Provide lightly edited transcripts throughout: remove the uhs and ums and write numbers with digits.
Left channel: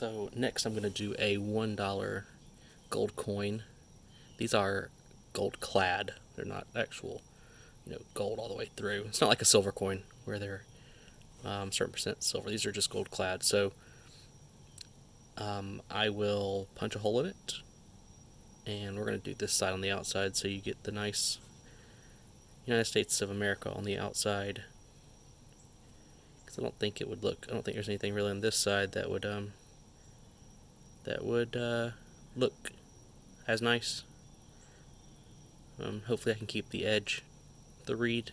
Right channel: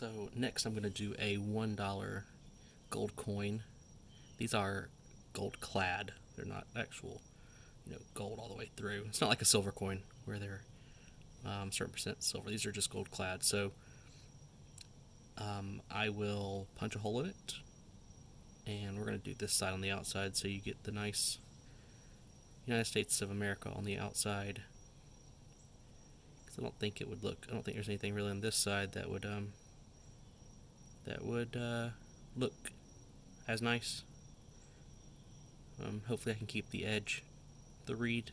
So next I'm going to do a $1 gold coin. These are gold clad. They're not actual, gold all the way through. It's not like a silver coin where they're certain percent silver. These are just gold clad. So I will punch a hole in it, and we're going to do this side on the outside so you get the nice United States of America on the outside. Because I don't think there's anything really on this side that would look as nice. Hopefully I can keep the edge, the reed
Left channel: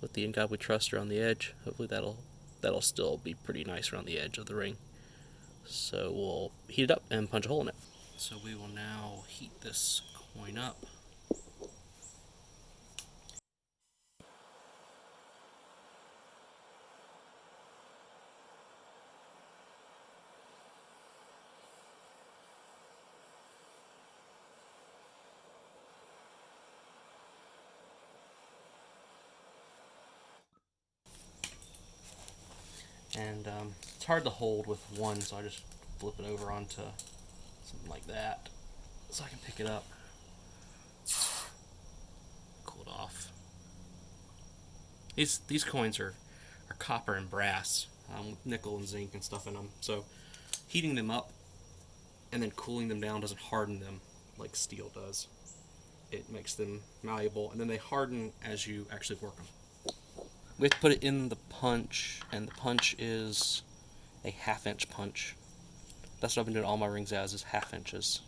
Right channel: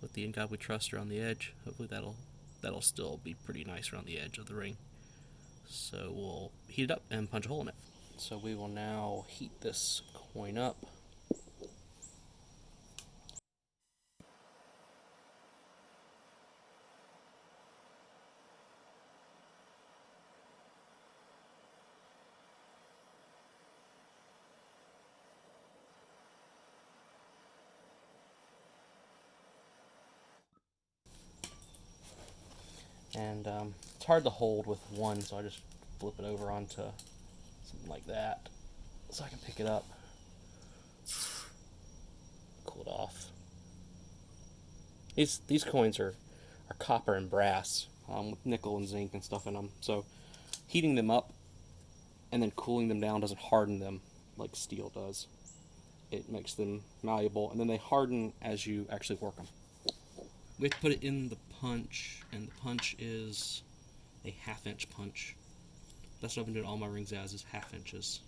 with the In God We Trust around the edge. Hopefully that'll still be pretty nice around the edge of the ring. So we'll heat it up and punch a hole in it. So we will now heat this coin up. And it's hard to hold with one, so I just flip it over onto something like that so I can pick it up, cool it off. These coins are copper and brass with nickel and zinc and stuff in them. So heating them up and then cooling them down doesn't harden them like steel does. It makes them malleable, and then they harden as you actually work them. We have to put it in the punch, and the punch is a 1/2 inch punch. That's what I've been doing all my rings as, is 1/2 inches.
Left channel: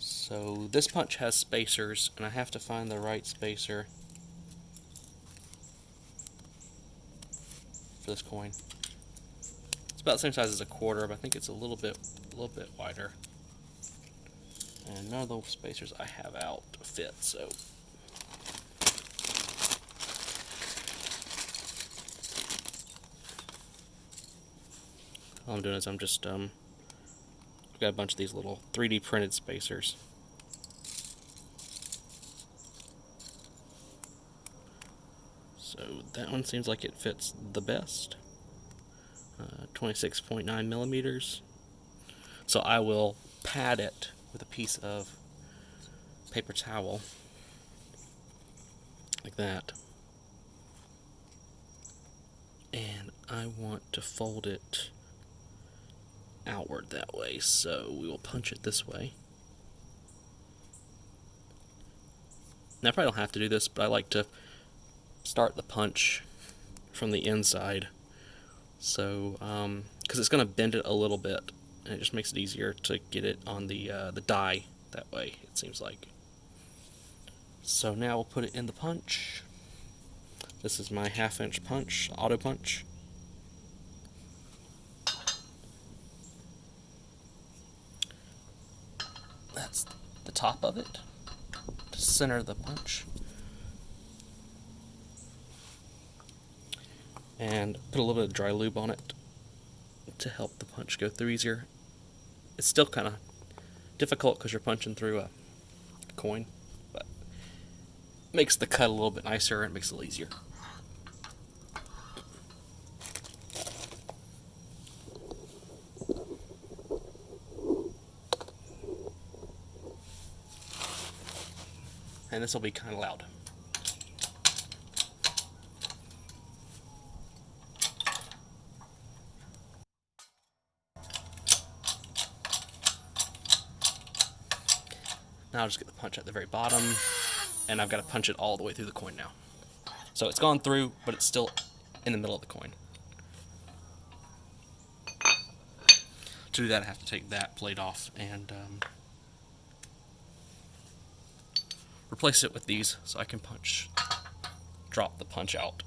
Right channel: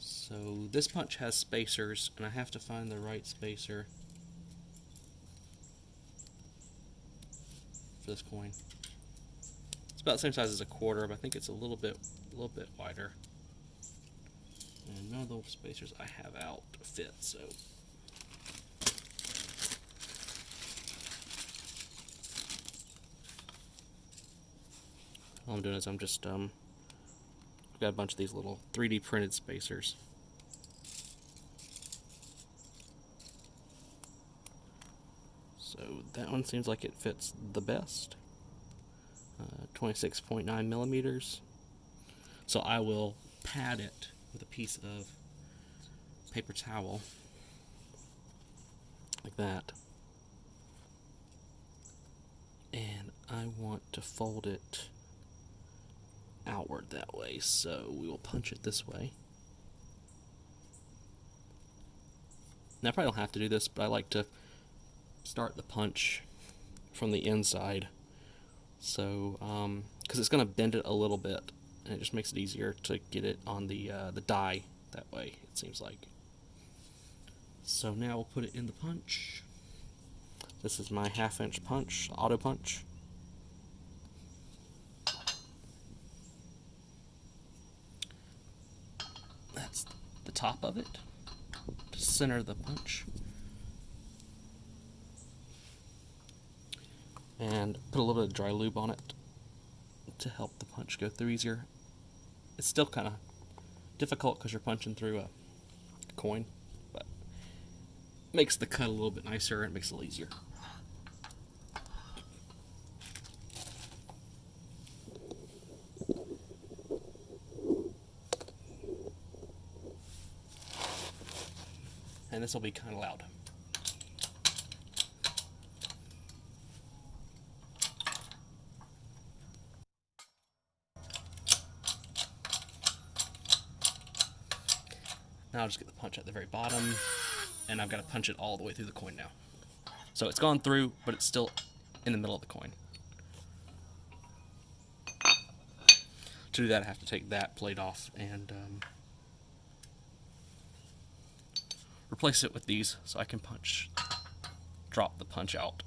So this punch has spacers, and I have to find the right spacer for this coin. It's about the same size as a quarter, but I think it's a little bit wider. And none of the spacers I have out fit, so all I'm doing is I'm just I've got a bunch of these little 3D printed spacers. So that one seems like it fits the best. 26.9 millimeters. So I will pad it with a piece of paper towel like that. And I want to fold it outward that way, so we will punch it this way. Now I probably don't have to do this, but I like to start the punch from the inside, so because it's going to bend it a little bit, and it just makes it easier to get it on the die that way, it seems like. So now we'll put it in the punch. This is my 1/2 inch punch, auto punch. That's the top of it, to center the punch. And put a little bit of dry lube on it to help the punch go through easier. It's still kind of difficult because you're punching through a coin, but it makes the cut a little bit nicer and makes it a little easier. And this will be kind of loud. Now I'll just get the punch at the very bottom, and I've got to punch it all the way through the coin now. So it's gone through, but it's still in the middle of the coin. To do that, I have to take that plate off and replace it with these so I can drop the punch out.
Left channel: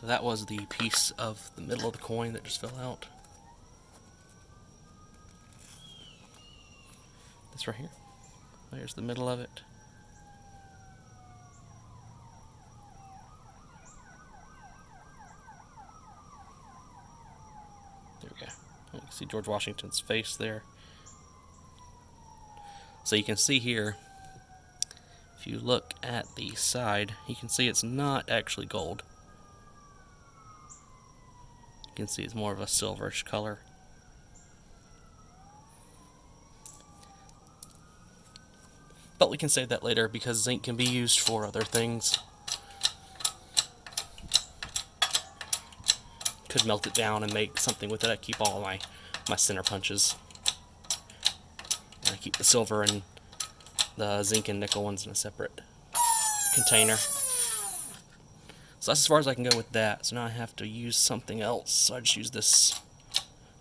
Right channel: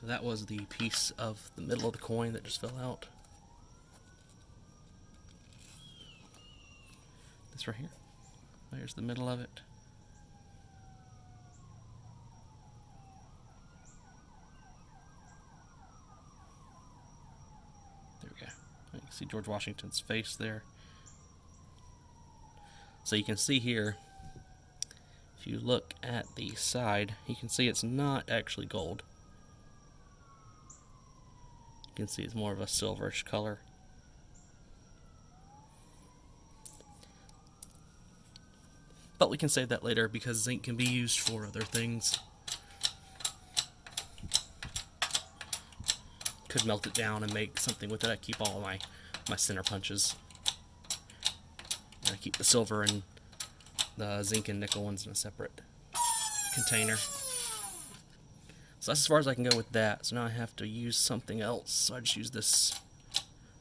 So that was the piece of the middle of the coin that just fell out. This right here. There's the middle of it. You can see George Washington's face there. So you can see here, if you look at the side, you can see it's not actually gold. You can see it's more of a silverish color. But we can save that later because zinc can be used for other things. Could melt it down and make something with it. I keep all my center punches. And I keep the silver and the zinc and nickel ones in a separate container. So that's as far as I can go with that. So now I have to use something else. So I just use this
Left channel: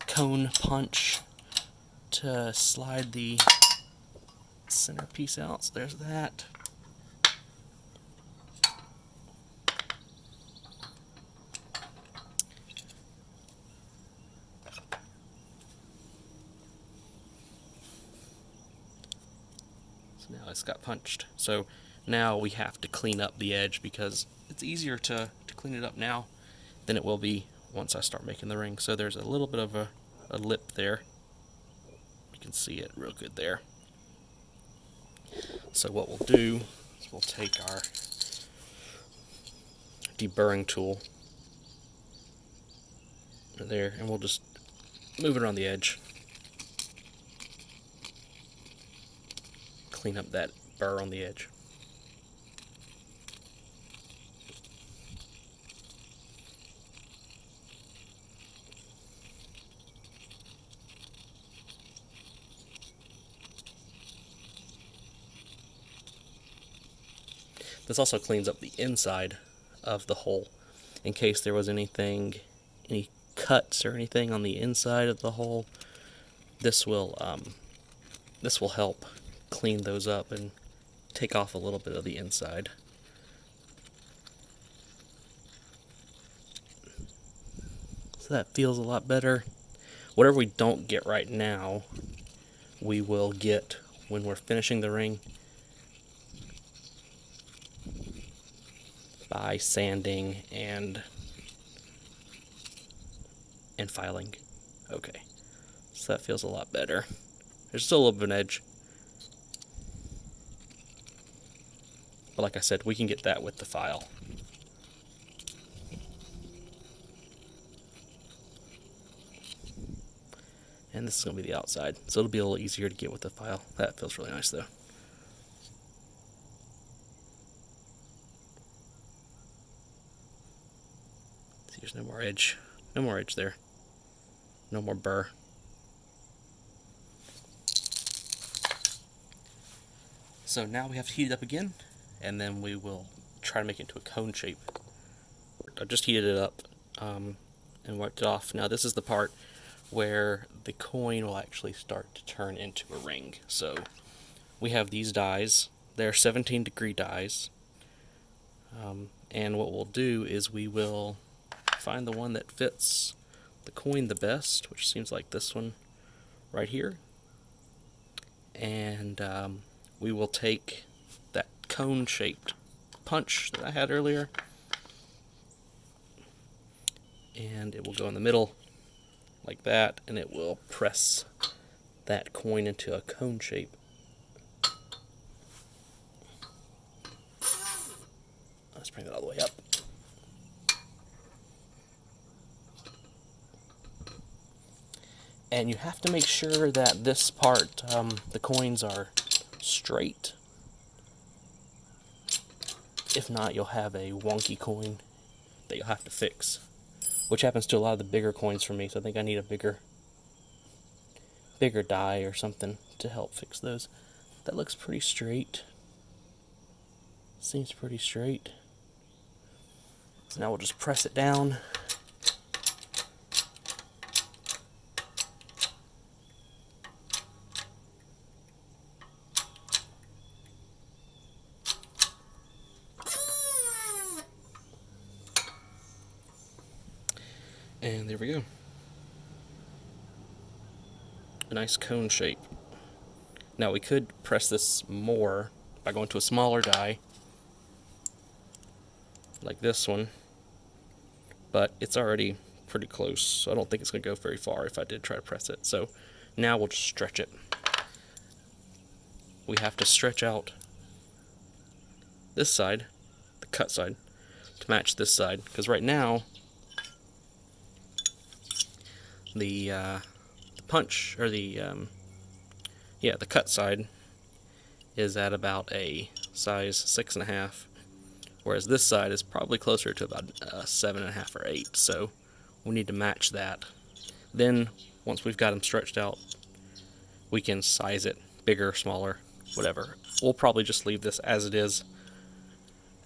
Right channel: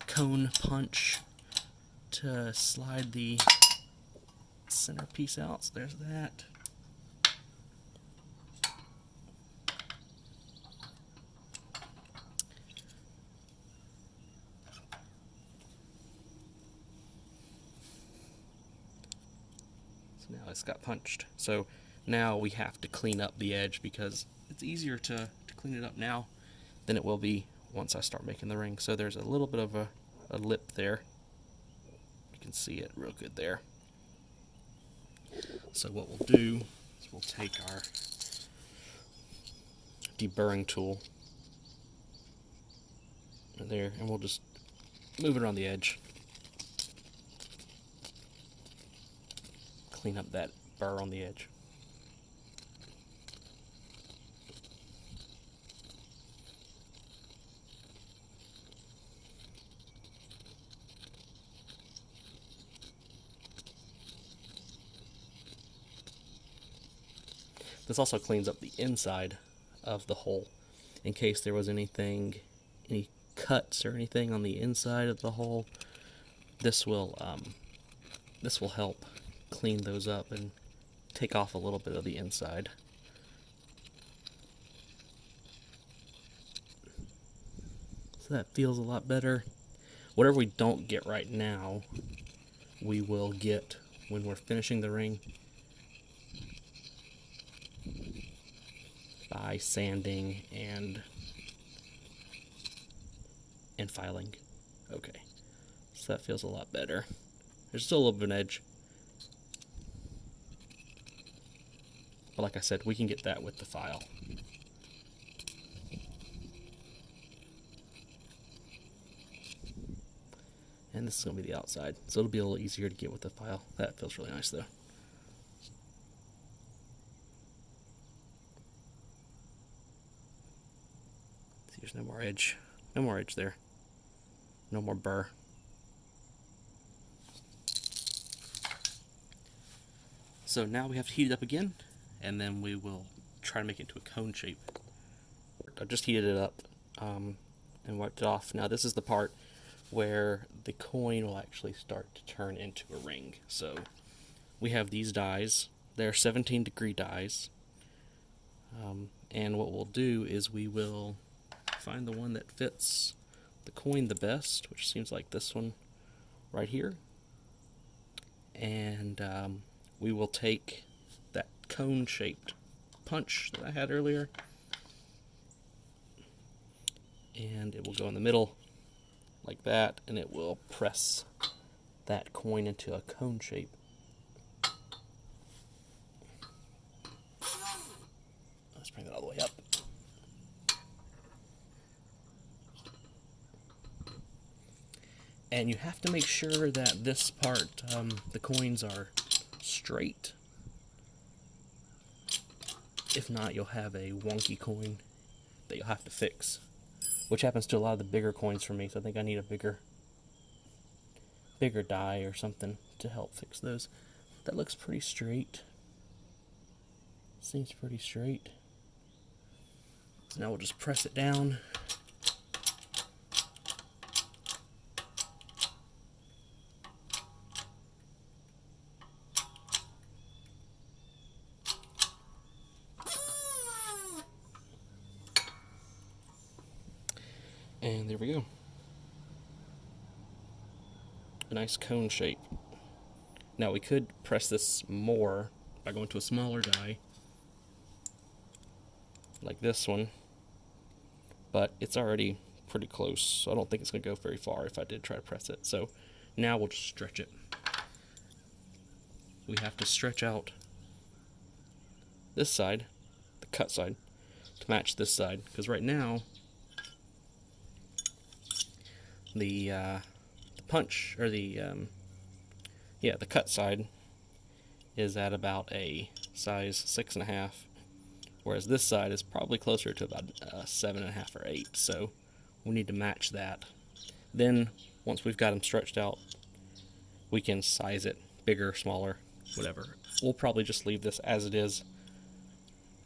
cone punch to slide the center piece out. So there's that. So now it's got punched. So now we have to clean up the edge because it's easier to clean it up now than it will be once I start making the ring. So there's a little bit of a lip there. You can see it real good there. So what we'll do is we'll take our deburring tool there and we'll just move it around the edge. Clean up that burr on the edge. This also cleans up the inside of the hole in case there was any cuts or anything on the inside of the hole. This will help clean those up and take off a little bit of the inside. So that feels a lot better. Whatever we don't get right now, we will get when we're finishing the ring by sanding and filing. Okay, so that feels a lot better. There's still a little bit of an edge, but like I said, we can get that with the file. And this is going to be the outside, so it'll be a little easier to get with the file. That feels really nice though. See, there's no more edge. No more edge there. No more burr. So now we have to heat it up again, and then we will try to make it into a cone shape. I just heated it up and wiped it off. Now this is the part where the coin will actually start to turn into a ring. So we have these dies. They're 17-degree dies. And what we'll do is we will find the one that fits the coin the best, which seems like this one right here. And we will take that cone-shaped punch that I had earlier, and it will go in the middle like that, and it will press that coin into a cone shape. Let's bring it all the way up. And you have to make sure that this part, the coins are straight. If not, you'll have a wonky coin that you'll have to fix, which happens to a lot of the bigger coins for me, so I think I need a bigger die or something to help fix those. That looks pretty straight. Seems pretty straight. So now we'll just press it down. And there we go. A nice cone shape. Now we could press this more by going to a smaller die, like this one, but it's already pretty close, so I don't think it's going to go very far if I did try to press it. So now we'll just stretch it. We have to stretch out this side, the cut side, to match this side, because right now the punch, or the cut side is at about a size 6.5, whereas this side is probably closer to about 7.5 or 8. So we need to match that. Then once we've got them stretched out, we can size it bigger, smaller, whatever. We'll probably just leave this as it is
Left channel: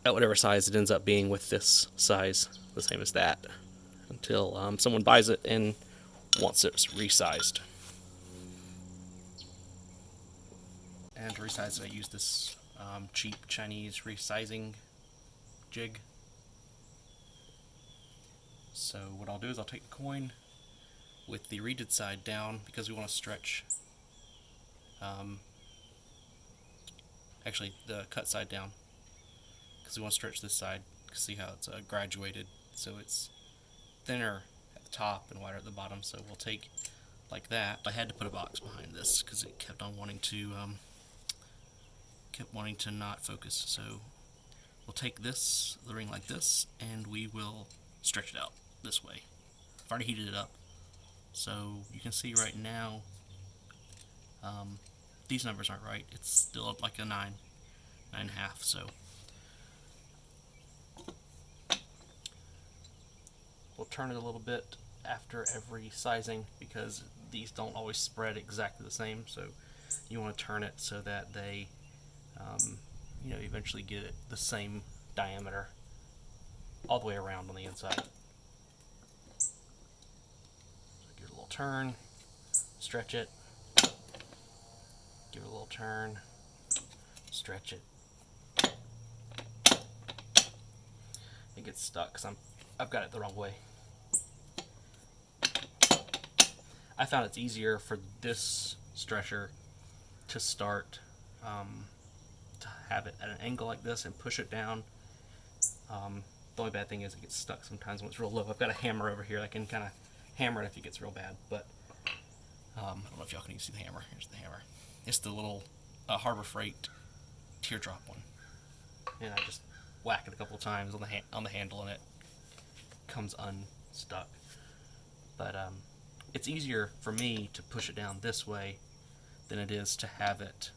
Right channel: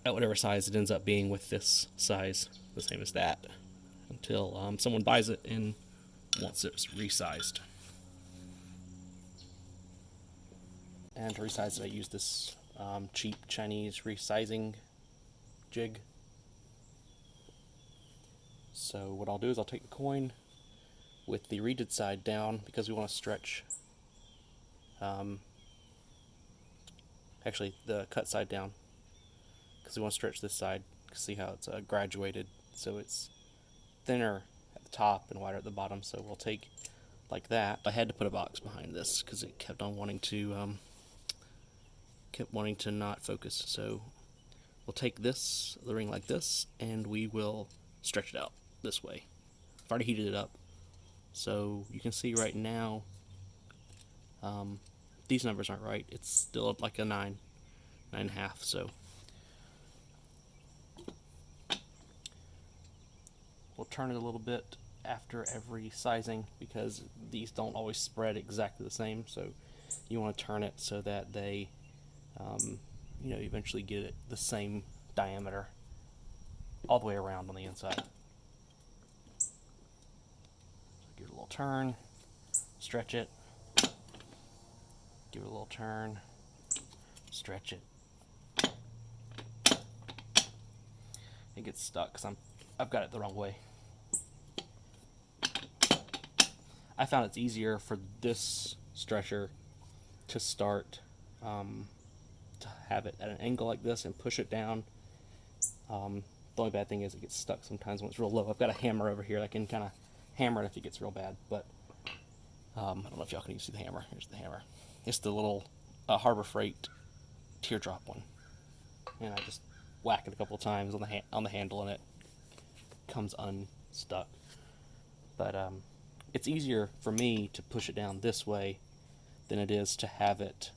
at whatever size it ends up being, with this size the same as that, until someone buys it and wants it resized. And to resize it, I use this cheap Chinese resizing jig. So what I'll do is I'll take the coin with the reeded side down, because we want to stretch, actually the cut side down, because we want to stretch this side. See how it's graduated, so it's thinner at the top and wider at the bottom. So we'll take like that. I had to put a box behind this because it kept on wanting to not focus. So we'll take the ring like this, and we will stretch it out this way. I've already heated it up, so you can see right now these numbers aren't right. It's still like a 9.5. So we'll turn it a little bit after every sizing, because these don't always spread exactly the same. So you want to turn it so that they eventually get it the same diameter all the way around on the inside. So give it a little turn, stretch it, give it a little turn, stretch it. It gets stuck because I've got it the wrong way. I found it's easier for this stretcher to start, to have it at an angle like this and push it down. The only bad thing is it gets stuck sometimes when it's real low. I've got a hammer over here. I can kind of hammer it if it gets real bad, but I don't know if y'all can see the hammer. Here's the hammer. It's the little Harbor Freight teardrop one, and I just whack it a couple of times on the handle, and it comes unstuck. But it's easier for me to push it down this way than it is to have it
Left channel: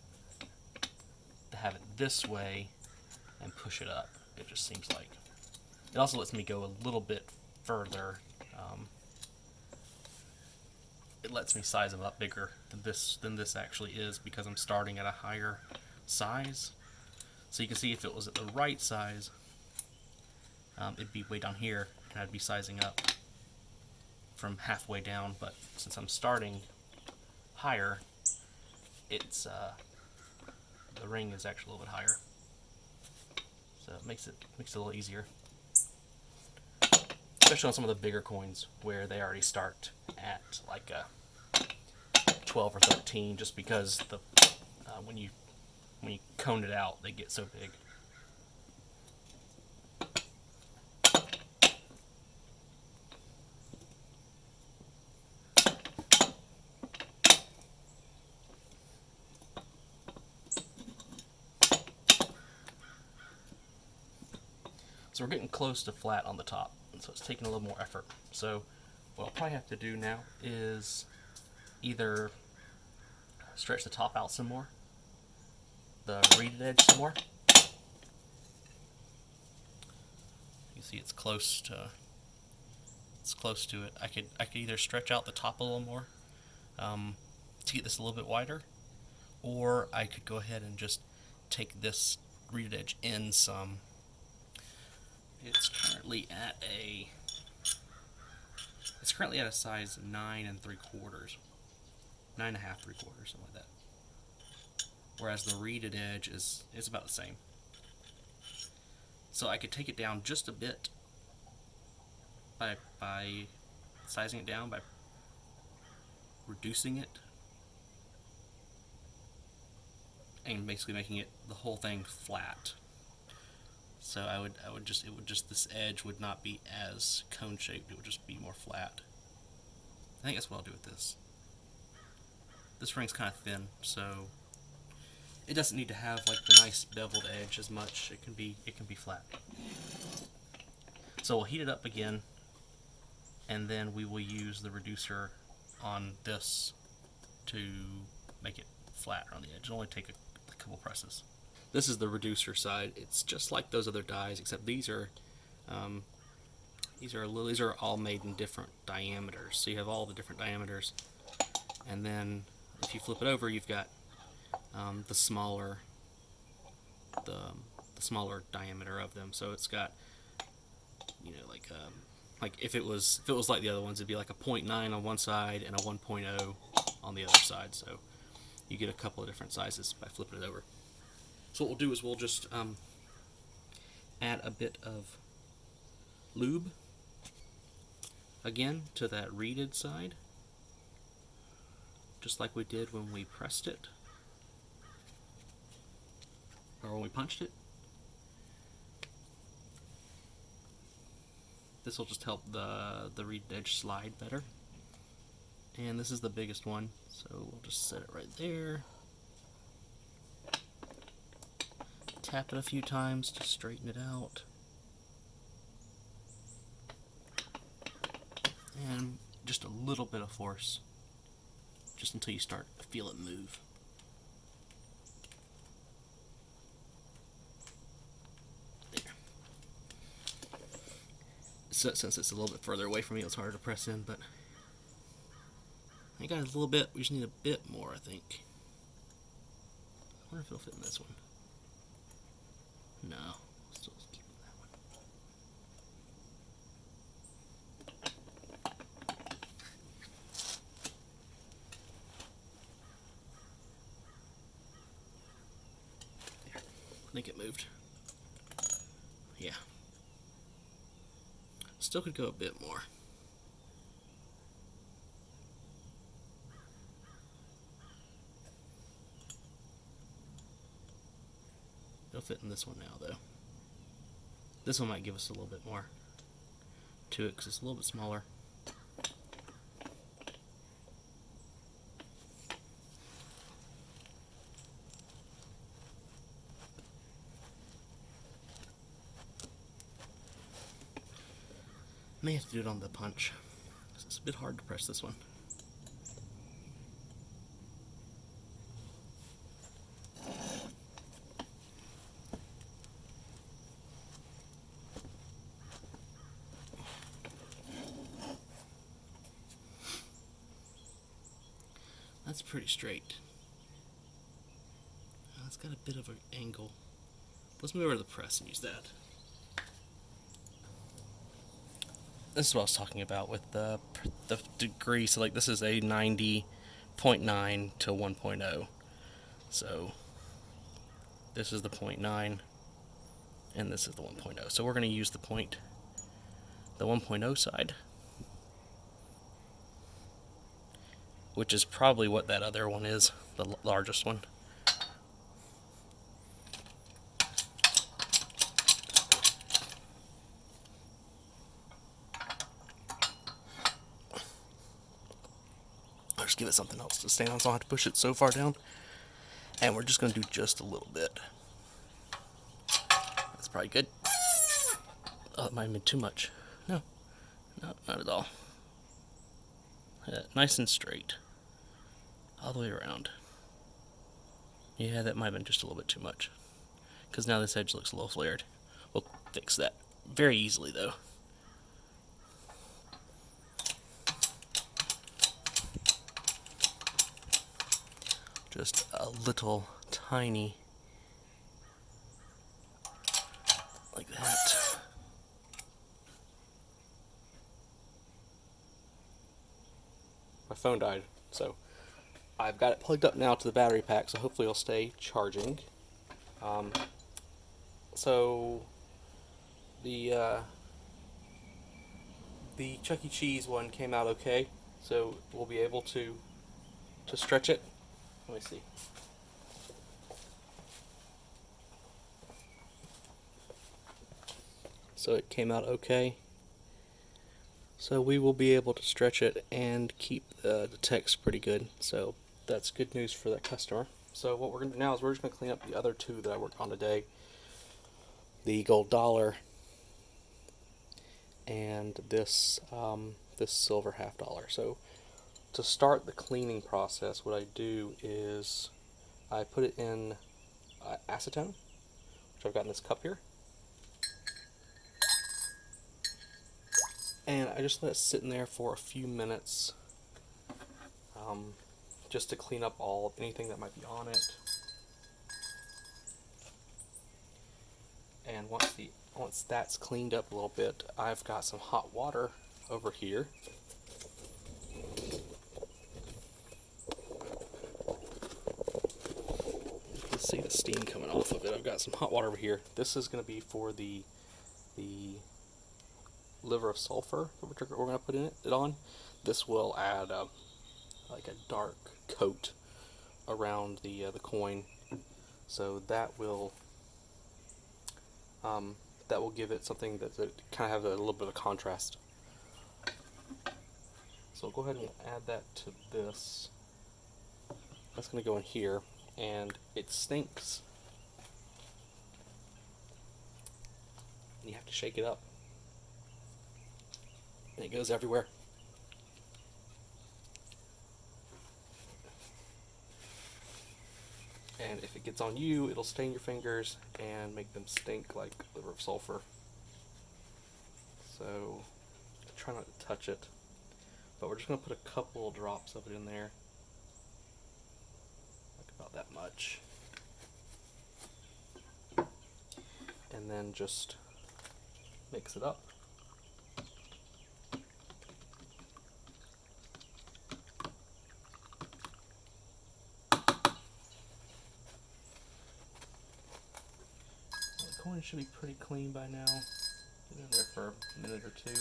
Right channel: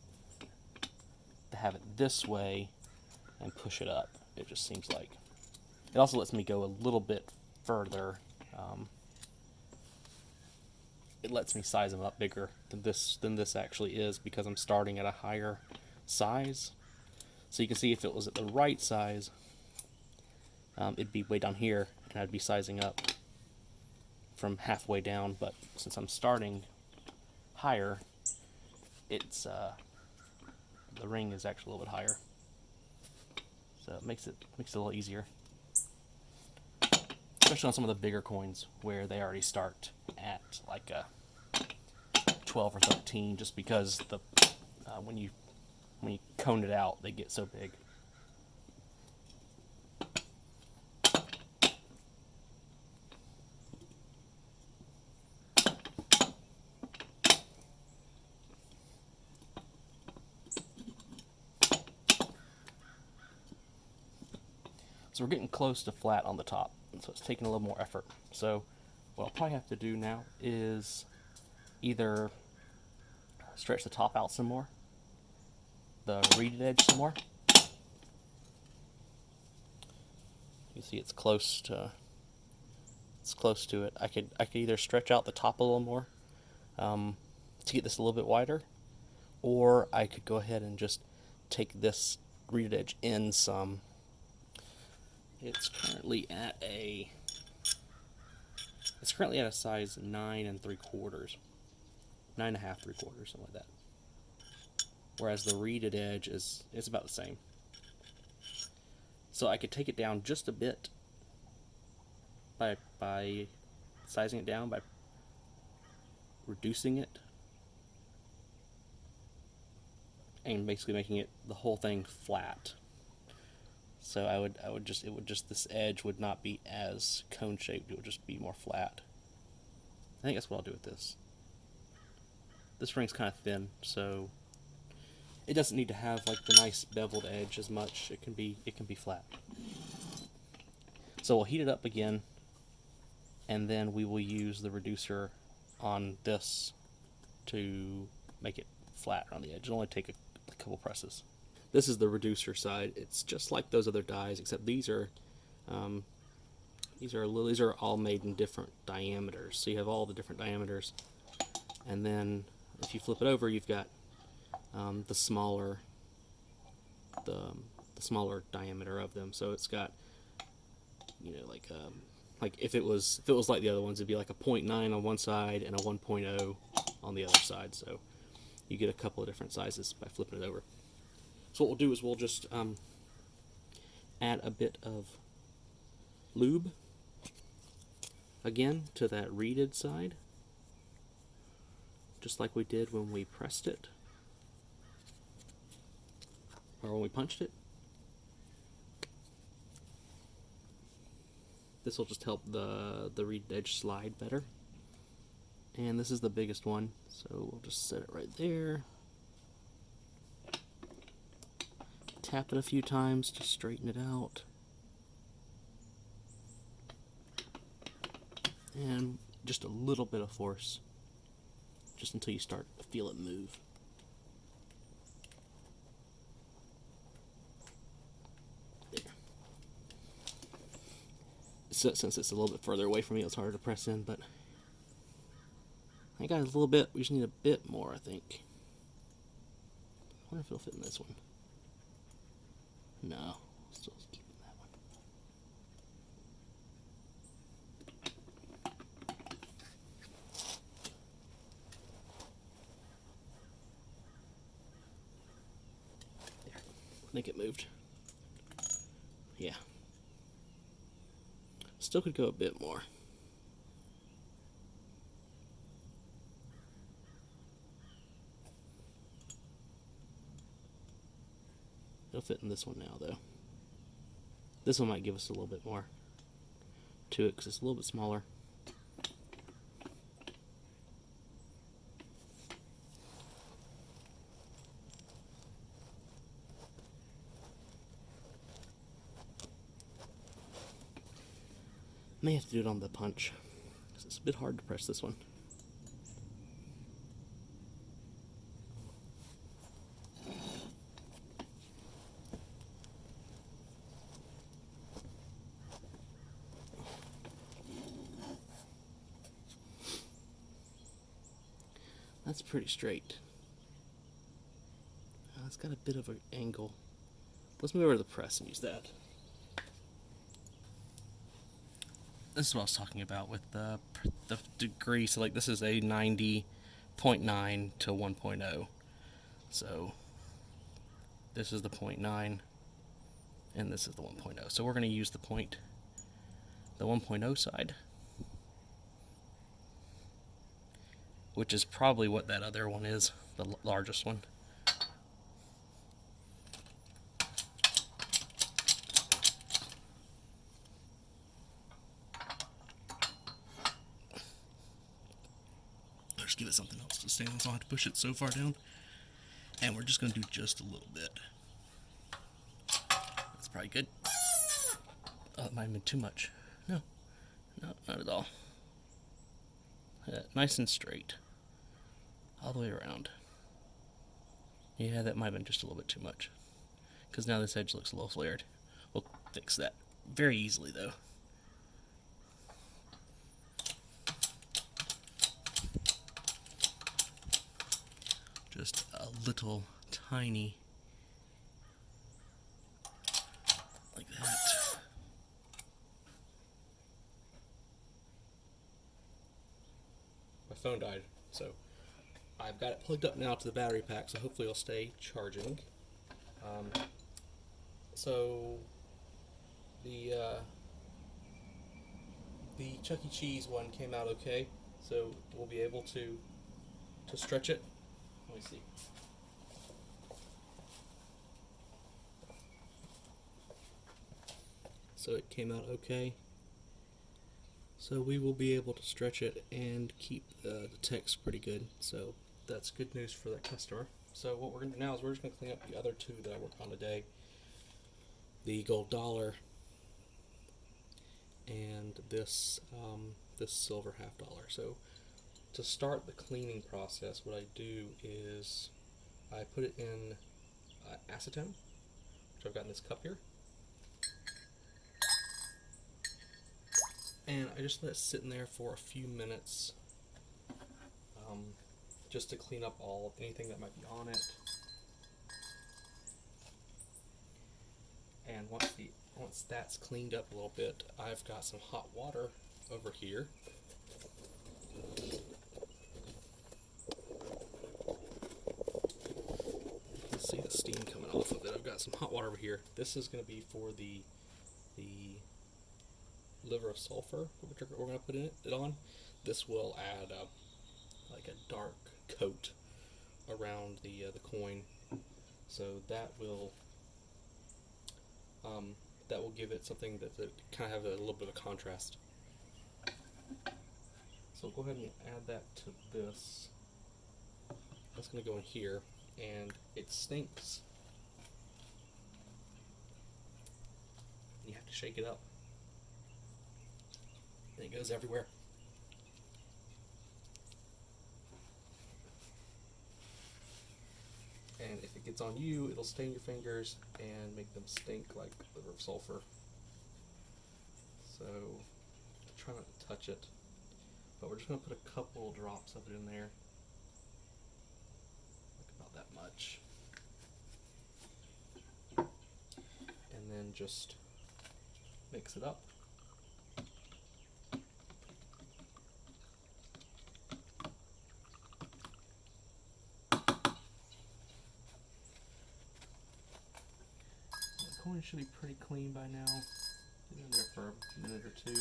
this way and push it up. It just seems like it also lets me go a little bit further. It lets me size them up bigger than this actually is, because I'm starting at a higher size. So you can see if it was at the right size, it'd be way down here, and I'd be sizing up from halfway down. But since I'm starting higher, it's the ring is actually a little bit higher, so it makes it a little easier, especially on some of the bigger coins where they already start at like a 12 or 13, just because when you cone it out, they get so big. So we're getting close to flat on the top, and so it's taking a little more effort. So what I'll probably have to do now is either stretch the top out some more, the reeded edge some more. You see it's close to it. I could either stretch out the top a little more to get this a little bit wider, or I could go ahead and just take this reeded edge in some. It's currently at a size 9 3/4, 9.5 3/4, something like that. Whereas the reeded edge is about the same. So I could take it down just a bit by sizing it down, by reducing it, and basically making it the whole thing flat. So it would just, this edge would not be as cone shaped, it would just be more flat. I think that's what I'll do with this. This ring's kind of thin, so it doesn't need to have like the nice beveled edge as much. It can be flat. So we'll heat it up again, and then we will use the reducer on this to make it flat around the edge. It'll only take a couple presses. This is the reducer side. It's just like those other dies, except these are all made in different diameters. So you have all the different diameters, and then if you flip it over, you've got the smaller diameter of them. So it's got, you know, like if it was like the other ones, it'd be like a 0.9 on one side and a 1.0 on the other side. So you get a couple of different sizes by flipping it over. So what we'll do is we'll just add a bit of lube again to that reeded side, just like we did when we pressed it, or when we punched it. This will just help the reeded edge slide better. And this is the biggest one, so we'll just set it right there. Tap it a few times to straighten it out. And just a little bit of force, just until you start to feel it move. There. So, since it's a little bit further away from me, it's harder to press in, but I got a little bit. We just need a bit more, I think. I wonder if it'll fit in this one. No, still keeping that one. There. I think it moved. Yeah. Still could go a bit more. It'll fit in this one now, though. This one might give us a little bit more to it because it's a little bit smaller. May have to do it on the punch. It's a bit hard to press this one. That's pretty straight. It's got a bit of an angle. Let's move over to the press and use that. This is what I was talking about with the degree. So like this is a 90.9 to 1.0. So this is the 0.9 and this is the 1.0. So we're going to use the 1.0 side, which is probably what that other one is, the largest one. I'll just give it something else to stand on so I don't have to push it so far down. And we're just going to do just a little bit. That's probably good. Oh, it might have been too much. No, not at all. Nice and straight. All the way around. Yeah, that might have been just a little bit too much. Because now this edge looks a little flared. We'll fix that very easily, though. Just a little tiny, like that. My phone died, so I've got it plugged up now to the battery pack, so hopefully it'll stay charging. So the Chuck E. Cheese one came out okay, so we'll be able to stretch it. Let me see. so it came out okay. So we will be able to stretch it and keep the text pretty good. So that's good news for that customer. So what we're going to do now is we're just going to clean up the other two that I worked on today. The gold dollar and this this silver $half. So to start the cleaning process, what I do is I put it in acetone, which I've got in this cup here. And I just let it sit in there for a few minutes, just to clean up anything that might be on it. And once that's cleaned up a little bit, I've got some hot water over here. You can see the steam coming off of it. I've got some hot water over here. This is going to be for the liver of sulfur that we're going to put it on. This will add like a dark coat around the coin, so that will give it something that kind of have a little bit of contrast. So go ahead and add that to this. That's going to go in here, and it stinks. You have to shake it up, and it goes everywhere. And if it gets on you, it'll stain your fingers and make them stink like liver of sulfur. So try not to touch it, but we're just going to put a couple drops of it in there, like about that much, and then just mix it up. The coin should be pretty clean by now. Get in there for a minute or two.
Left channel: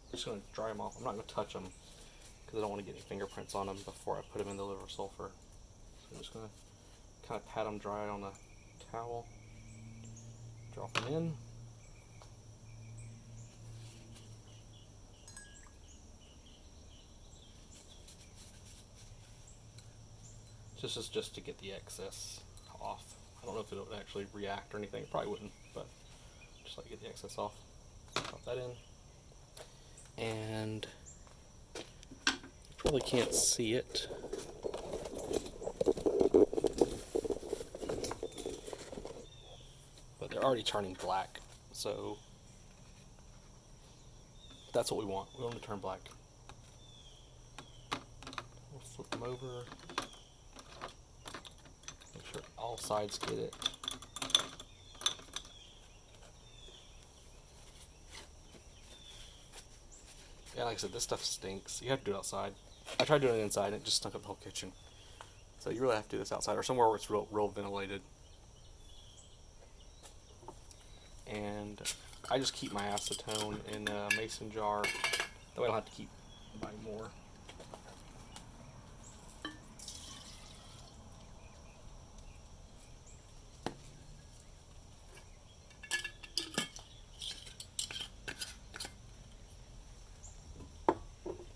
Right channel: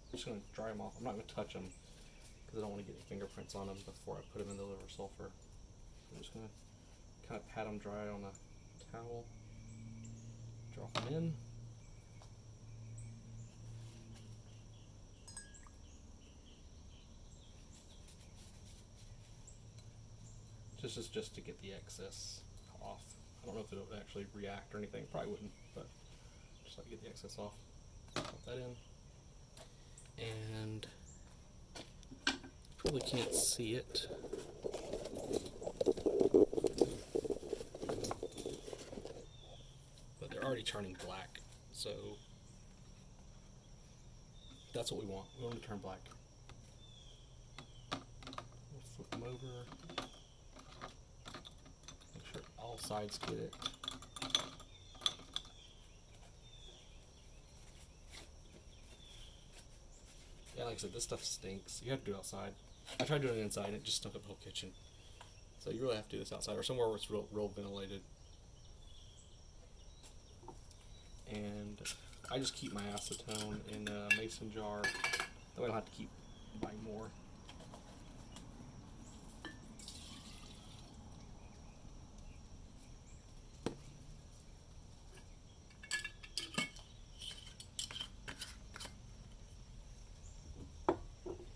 I'm just going to dry them off. I'm not going to touch them because I don't want to get any fingerprints on them before I put them in the liver of sulfur. So I'm just going to kind of pat them dry on the towel, drop them in. This is just to get the excess off. I don't know if it would actually react or anything. It probably wouldn't, but just like to get the excess off. Pop that in. And you probably can't see it. But they're already turning black, so that's what we want. We want them to turn black. We'll flip them over. Make sure all sides get it. Yeah, like I said, this stuff stinks. You have to do it outside. I tried doing it inside, and it just stunk up the whole kitchen. So you really have to do this outside, or somewhere where it's real ventilated. And I just keep my acetone in a mason jar. That way I don't have to keep buying more.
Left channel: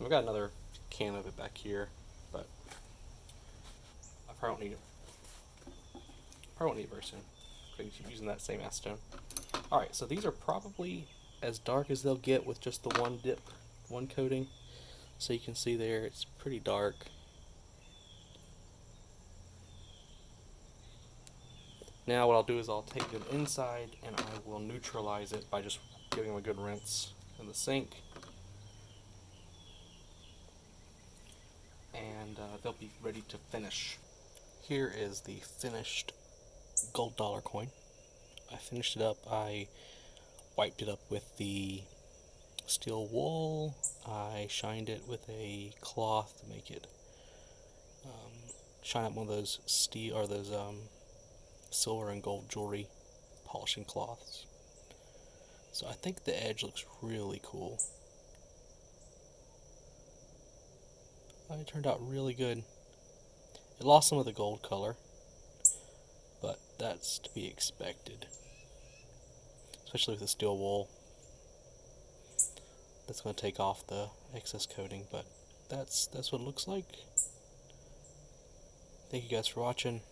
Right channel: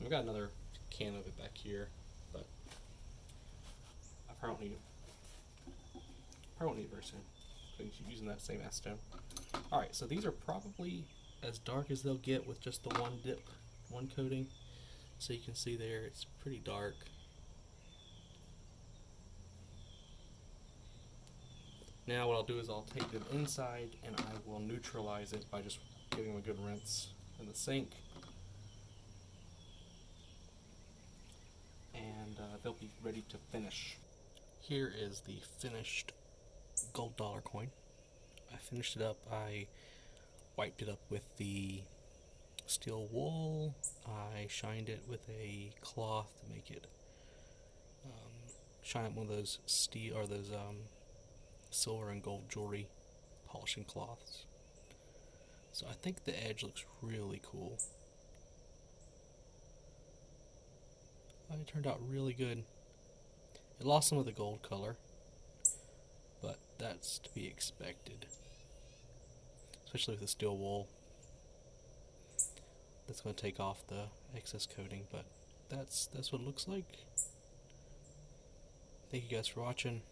I've got another can of it back here, but I probably don't need it. Probably won't need it very soon. I'm going to keep using that same acetone. Alright, so these are probably as dark as they'll get with just the one dip, one coating. So you can see there, it's pretty dark. Now what I'll do is I'll take them inside and I will neutralize it by just giving them a good rinse in the sink. And they'll be ready to finish. Here is the finished gold dollar coin. I finished it up. I wiped it up with the steel wool. I shined it with a cloth to make it shine up one of those steel or those silver and gold jewelry polishing cloths. So I think the edge looks really cool. It turned out really good. It lost some of the gold color, but that's to be expected, especially with the steel wool. That's going to take off the excess coating, but that's what it looks like. Thank you guys for watching.